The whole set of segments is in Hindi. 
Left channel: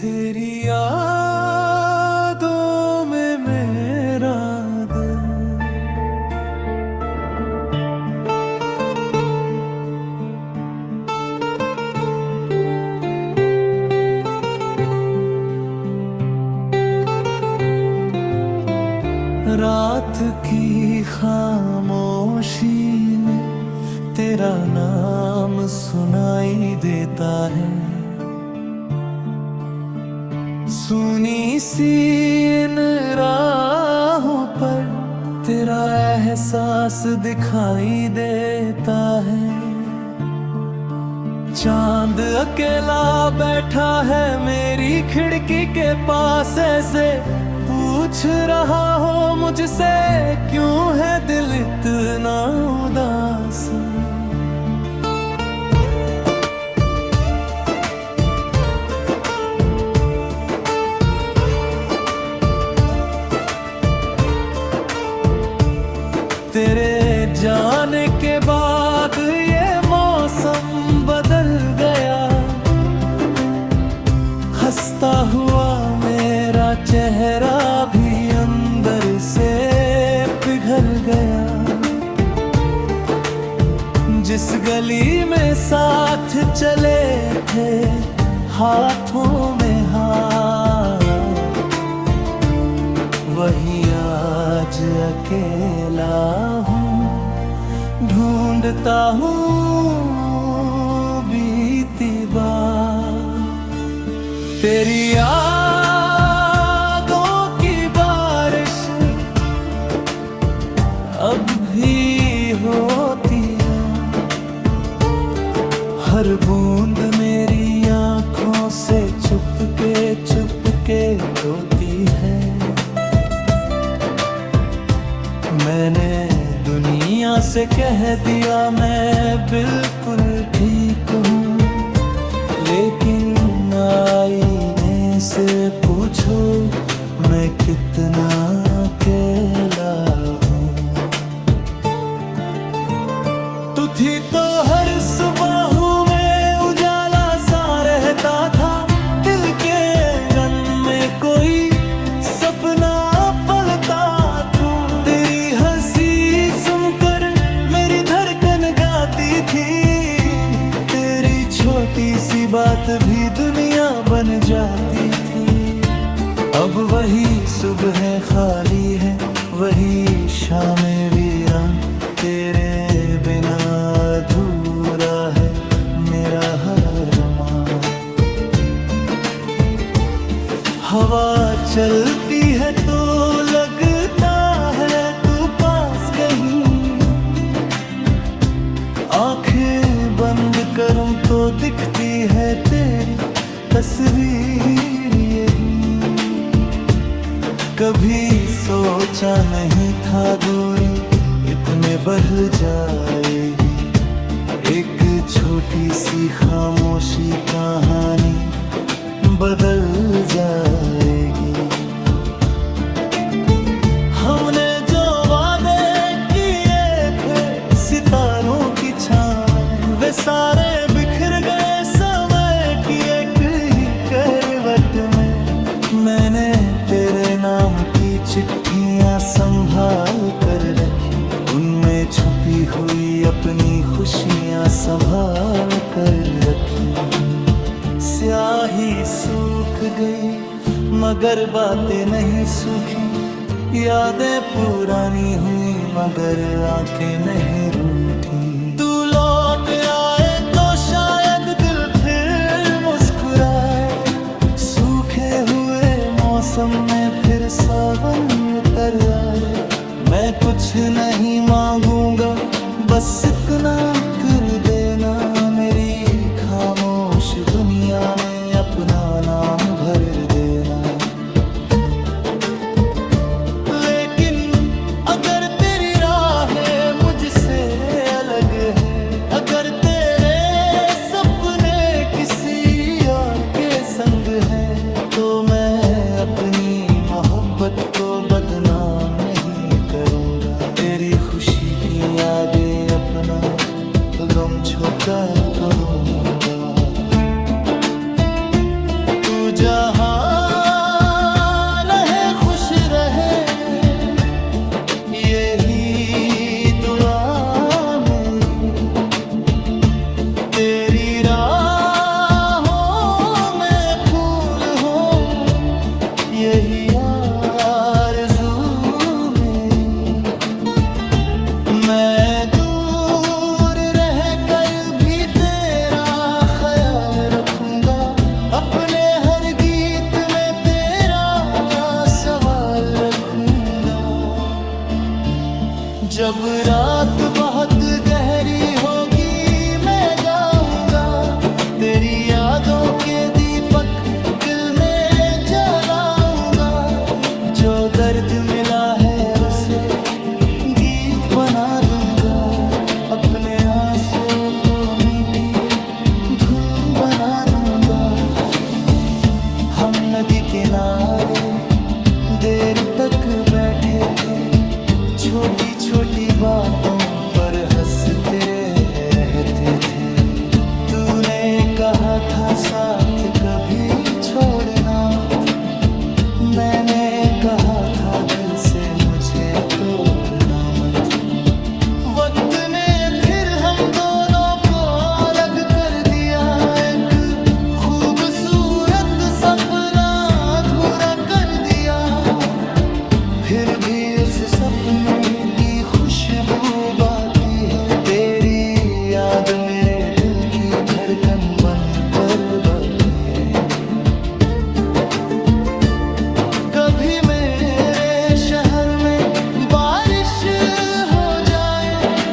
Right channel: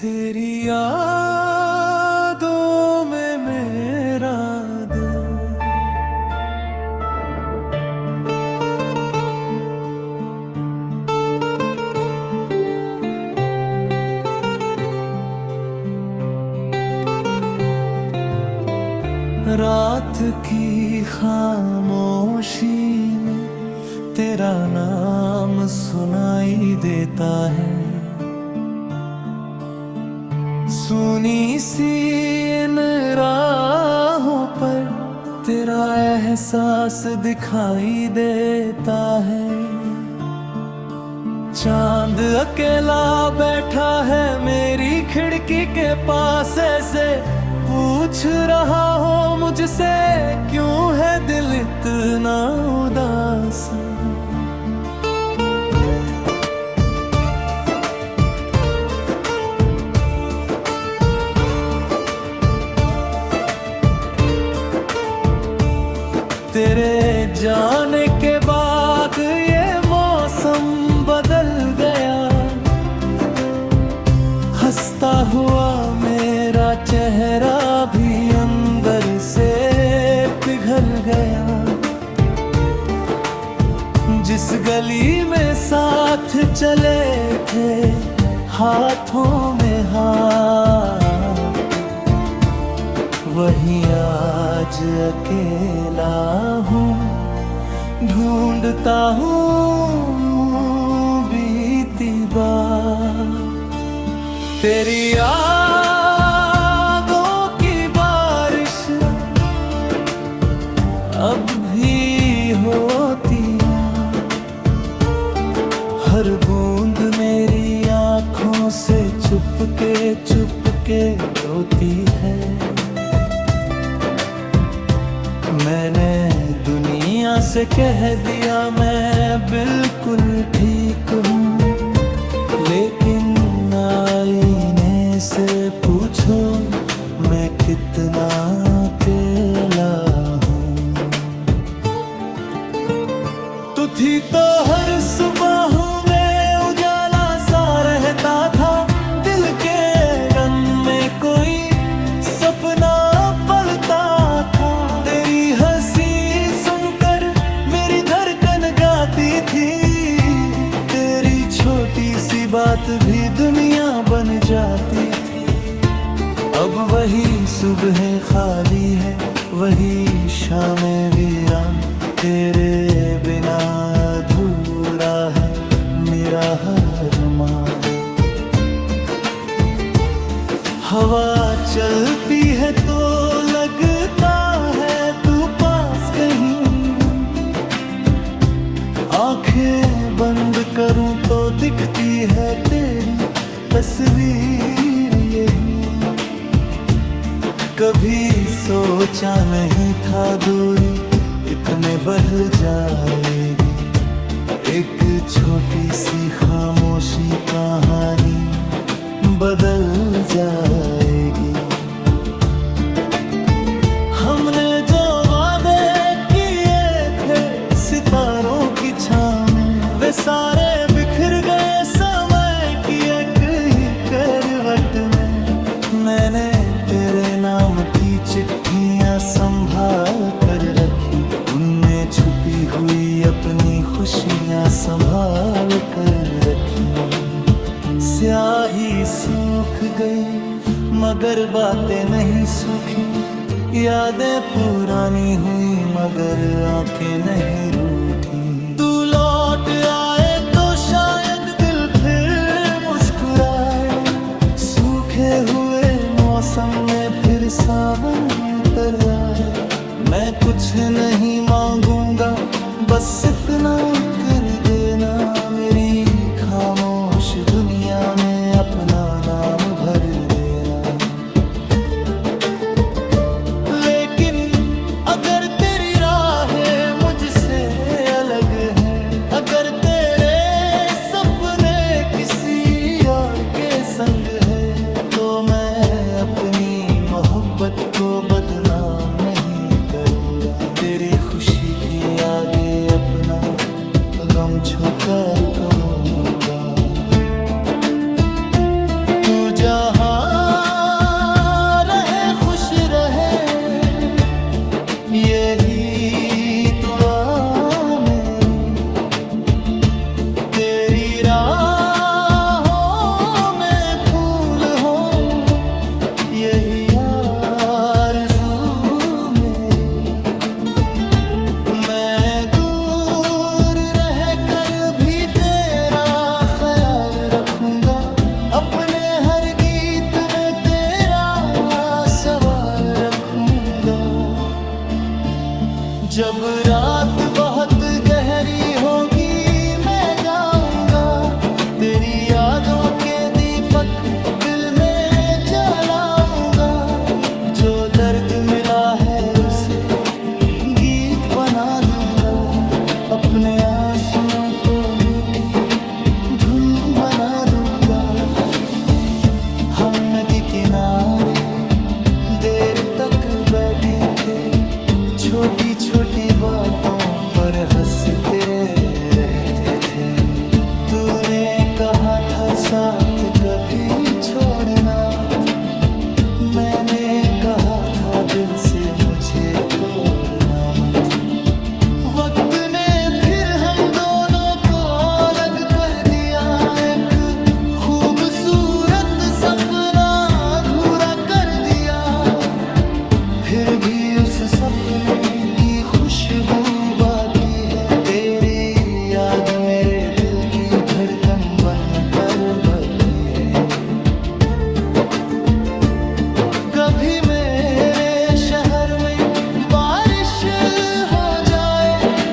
तेरी यादों में मेरा दिल रात की खामोशी में तेरा नाम सुनाई देता है। सुनी सी इन राहों पर तेरा एहसास दिखाई देता है। चांद अकेला बैठा है मेरी खिड़की के पास, ऐसे पूछ रहा हो मुझसे क्यों है दिल इतना उदास। तेरे जाने के बाद ये मौसम बदल गया, हंसता हुआ मेरा चेहरा भी अंदर से पिघल गया। जिस गली में साथ चले थे हाथों में हाथ, वही आज अकेला हूँ, ढूंढता हूँ बीती बात। तेरी यादों की बारिश अब भी होती है, हर बूंद मेरी आँखों से चुपके रोती है। मैंने दुनिया से कह दिया मैं बिल्कुल ठीक हूँ, लेकिन आईने से पूछो मैं कितना अकेला हूँ। तू थी तो हर सुबह में उजाला सा रहता था, दिल के गन में कोई सपना पलता था। तेरी हंसी सुनकर मेरी धड़कन गाती थी, तेरी छोटी सी बात भी दुनिया बन जाती थी। अब वही सुबह खाली है, वही शामें वीरान, तेरे बिना अधूरा है मेरा हर अरमान। हवा चलती है तो लगता है तू पास कहीं, आंखें बंद करूं तो दिखती है तेरी तस्वीर यही। कभी सोचा नहीं था दूरी इतने बढ़ जाएगी, एक छोटी सी खामोशी कहानी बदल जाएगी। हमने जो वादे किए थे सितारों की छाँव में, वे सारे बिखर गए समय की एक ही करवट में। मैंने तेरे नाम की चिट्ठियां संभाल कर रखी, उनमें छुपी हुई अपनी खुशियां संभाल कर रखी। स्याही सूख गई मगर बातें नहीं सूखी, यादें पुरानी हुई मगर आंखें नहीं रूठी। तू लौट आए तो शायद दिल फिर मुस्कुराए, सूखे हुए मौसम में फिर सावन उतर आए। मैं कुछ नहीं मांगूंगा, बस इतना कर देना मेरी खामोश दुनिया में अपना नाम भर देना। लेकिन अगर तेरी राहें मुझसे अलग है, अगर तेरे सपने किसी और के संग है, तो मैं अपनी मोहब्बत को बदनाम नहीं करूँगा। तेरी खुशी के आगे अपना गम छुपा करूँगा। तू जहाँ रखूंगा। अपने हर गीत में तेरा सवाल रखूंगा। जब रात बहुत गहरी होगी मैं गाऊंगा। तेरी यादों के दीपक दिल में जलाऊंगा। जो दर्द मिला है उसे गीत बना दूंगा। अपने आंसुओं को मीठी धुन बना दूंगा। हम नदी किनारे देर तक बैठे थे। छोटी छोटी बातों पर हंसते रहते थे। तूने कहा था साथ कभी छोड़ना मत। मैंने कहा था दिल से मुझे तोड़ना मत। वक्त ने फिर हम दोनों को अलग कर दिया। एक खूबसूरत सपना अधूरा कर दिया। फिर भी उस सपने की खुशबू बाकी है। तेरी याद मेरे दिल की धड़कन बन कर बाकी है। कभी मेरे शहर में बारिश हो जाए।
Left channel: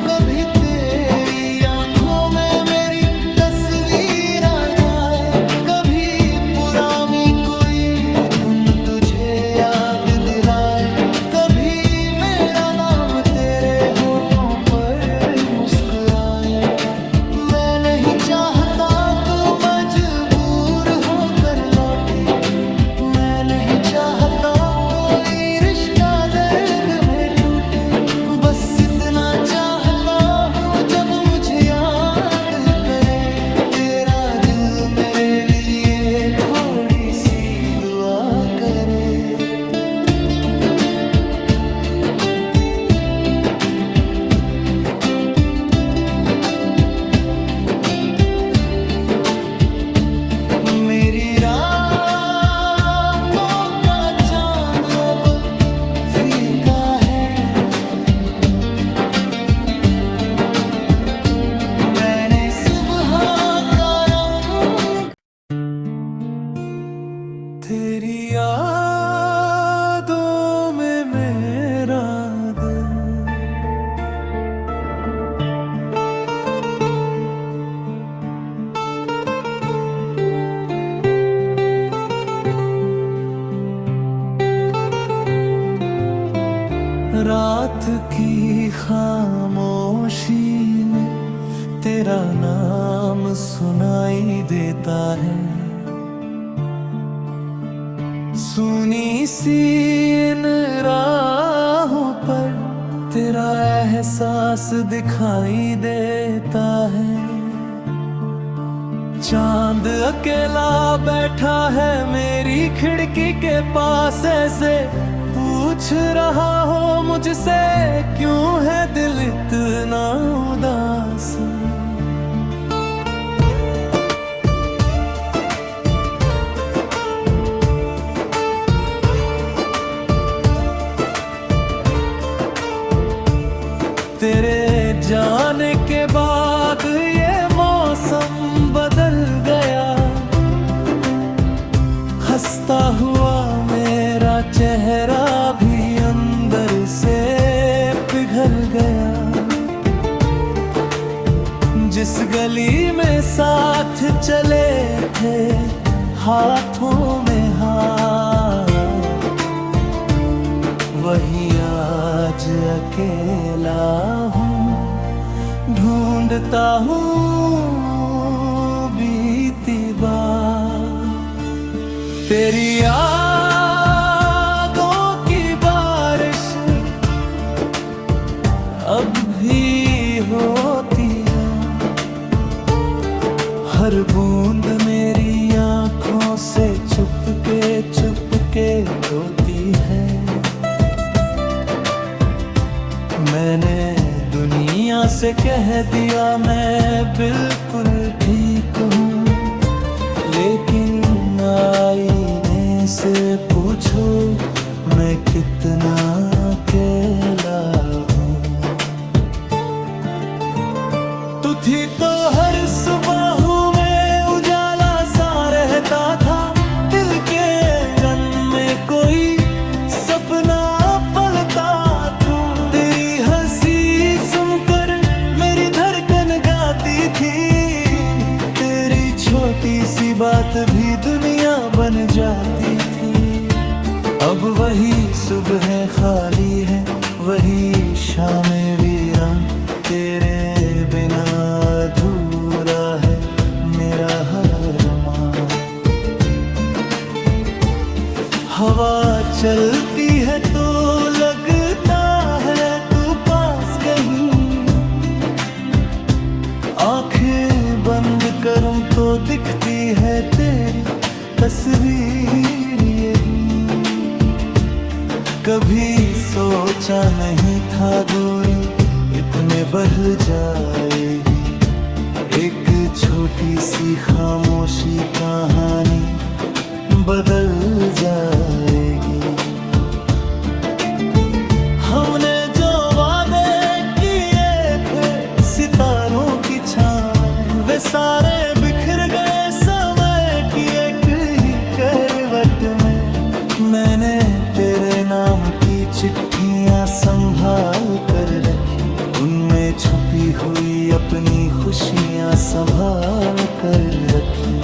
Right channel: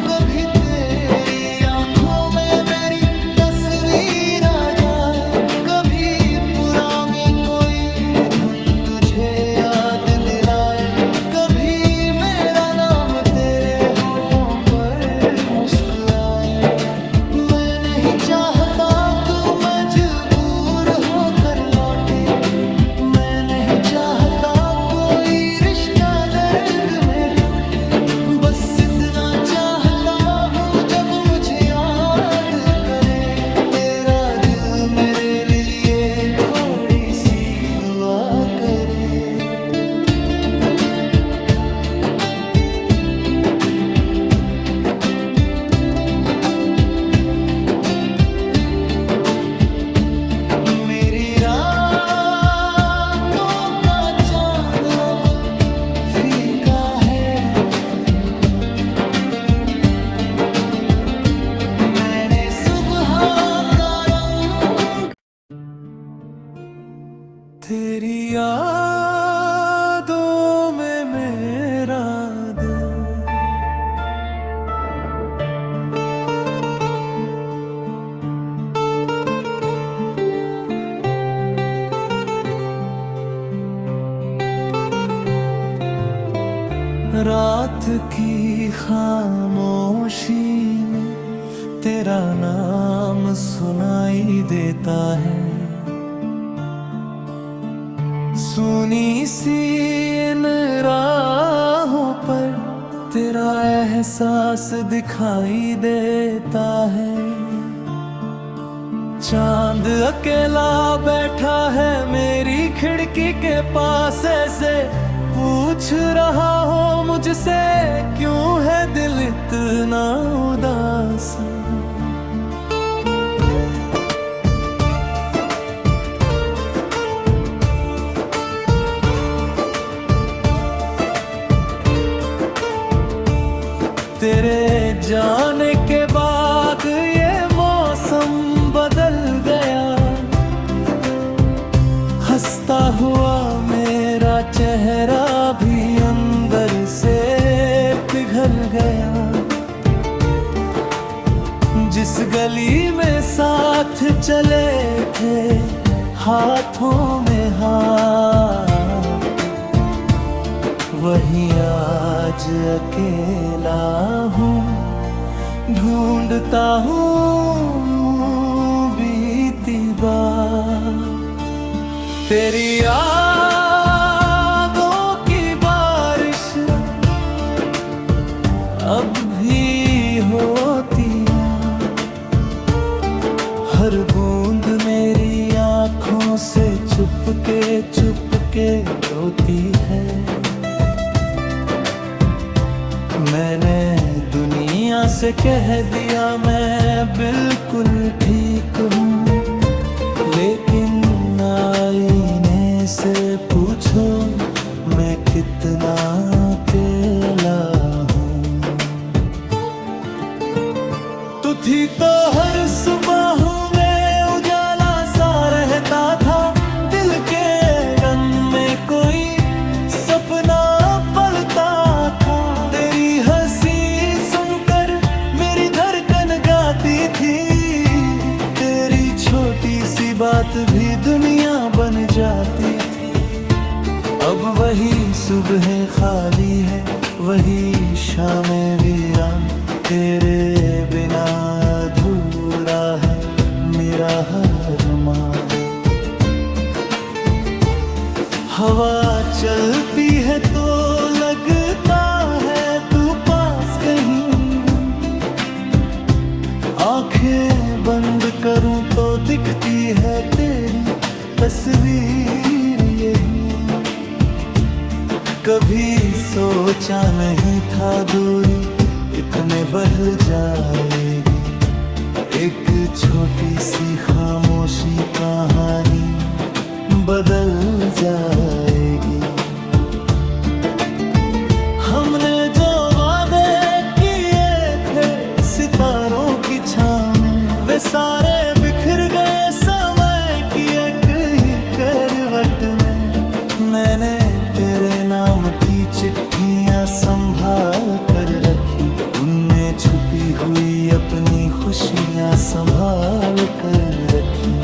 कभी तेरी आंखों में मेरी तस्वीर आ जाए। कभी पुरानी कोई धुन तुझे याद दिलाए। कभी मेरा नाम तेरे होठों पर मुस्कुराए। मैं नहीं चाहता तू मजबूर होकर लौटे। मैं नहीं चाहता कोई रिश्ता दर्द में टूटे। बस इतना चाहता हूँ जब मुझे याद करे। तेरा दिल मेरे लिए थोड़ी सी दुआ करे। मेरी तेरी यादों में मेरा दिल। रात की खामोशी में तेरा नाम सुनाई देता है। सुनी सी इन राहों पर तेरा एहसास दिखाई देता है। चांद अकेला बैठा है मेरी खिड़की के पास। ऐसे पूछ रहा हो मुझसे क्यों है दिल इतना उदास। तेरे जाने के बाद ये मौसम बदल गया। हंसता हुआ मेरा चेहरा भी अंदर से पिघल गया। जिस गली में साथ चले थे हाथों में हाथ, वहीं आज अकेला हूँ। ढूंढता हूँ बीती बात। तेरी यादों की बारिश अब भी होती है। हर बूंद मेरी आँखों से चुपके रोती है। मैंने दुनिया से कह दिया मैं बिल्कुल ठीक हूँ, लेकिन आईने से पूछो मैं कितना अकेला हूँ। तू थी तो हर सुबह में उजाला छोटी सी बात भी दुनिया बन जाती थी। अब वही सुबह खाली है, वही शामें वीरान, तेरे बिना अधूरा है मेरा हर अरमान। हवा चलती है तो लगता है तू पास कहीं, आंखें बंद करूं तो दिखती है तेरी तस्वीर यही। कभी सोचा नहीं था दूरी इतने बढ़ जाएगी, एक छोटी सी खामोशी कहानी बदल जाएगी। हमने जो वादे किए थे सितारों की छाँव में, वे सारे बिखर गए समय की एक ही करवट में। मैंने तेरे नाम की चिट्ठियां संभाल कर रखी, उनमें छुपी हुई अपनी खुशियां संभाल कर रखी।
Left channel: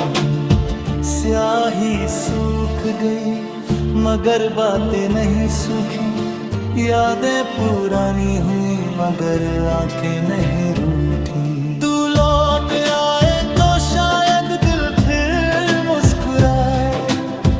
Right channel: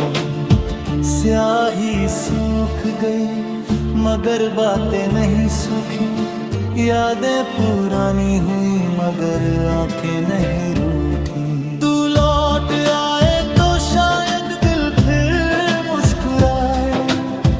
स्याही सूख गई मगर बातें नहीं सूखी, यादें पुरानी हुई मगर आंखें नहीं रूठी। तू लौट आए तो शायद दिल फिर मुस्कुराए,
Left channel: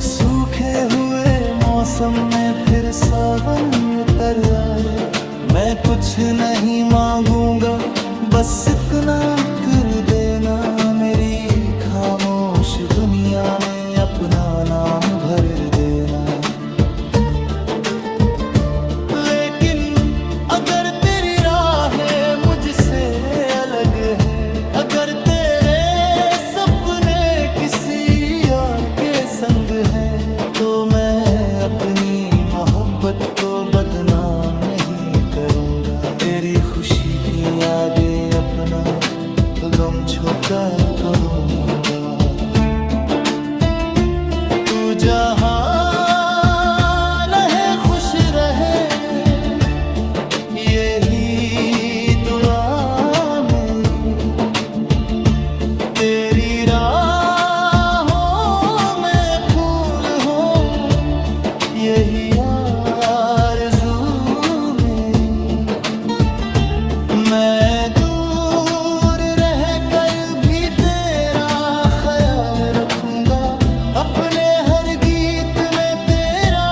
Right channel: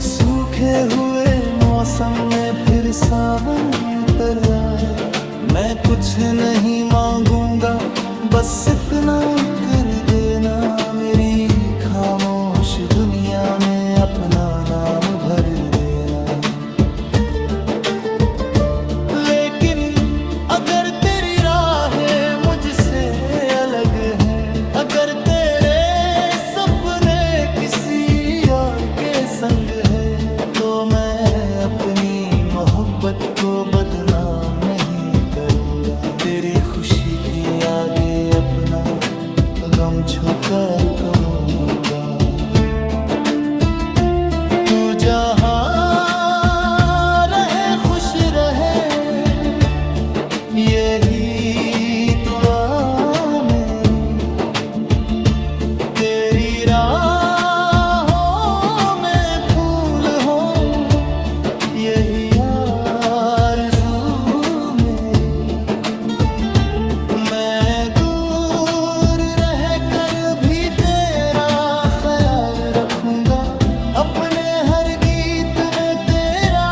सूखे हुए मौसम में फिर सावन उतर आए। मैं कुछ नहीं मांगूंगा, बस इतना कर देना, मेरी खामोश दुनिया में अपना नाम भर देना। लेकिन अगर तेरी राहें मुझसे अलग है, अगर तेरे सपने किसी और के संग है, तो मैं अपनी मोहब्बत को बदनाम नहीं करूँगा। तेरी खुशी के आगे अपना गम छुपाए करूँगा। तू जहाँ रहे खुश रहे, यही दुआ मेरी। तेरी राहों में फूल हो, यही आरज़ू मेरी। मैं दूर रह कर भी तेरा ख्याल रखूंगा, अपने हर गीत में तेरा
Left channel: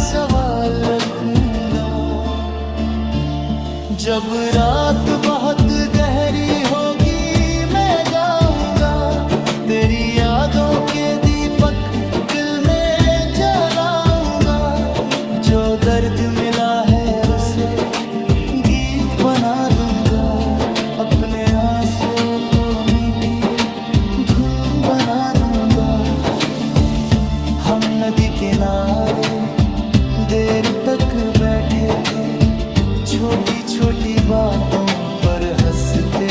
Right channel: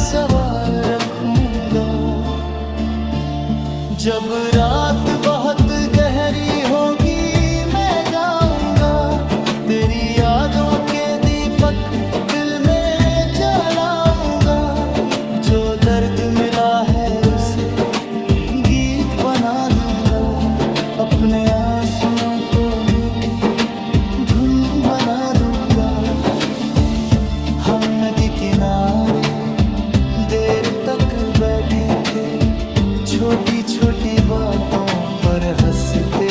सवाल रखूंगा। जब रात बहुत गहरी होगी मैं गाऊंगा, तेरी यादों के दीपक दिल में जलाऊंगा। जो दर्द मिला है उसे गीत बना दूंगा, अपने आंसुओं को मीठी धुन बना दूंगा। हम नदी किनारे देर तक बैठे थे, छोटी छोटी बातों पर हंसते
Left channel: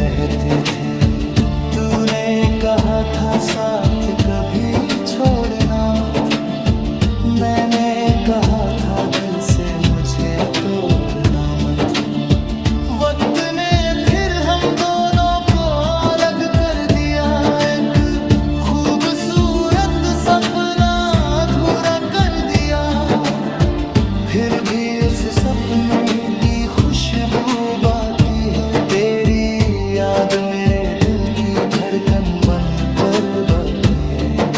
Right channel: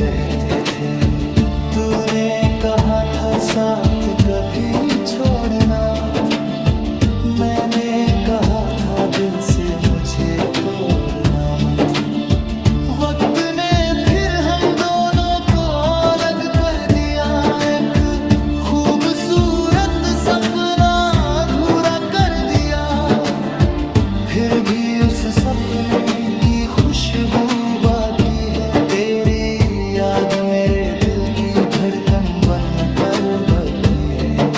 रहते थे। तूने कहा था साथ कभी छोड़ना मत, मैंने कहा था दिल से मुझे तोड़ना मत। वक्त ने फिर हम दोनों को अलग कर दिया, एक खूबसूरत सपना अधूरा कर दिया। फिर भी उस सपने की खुशबू बाकी है, तेरी याद मेरे दिल की धड़कन बन कर बाकी है।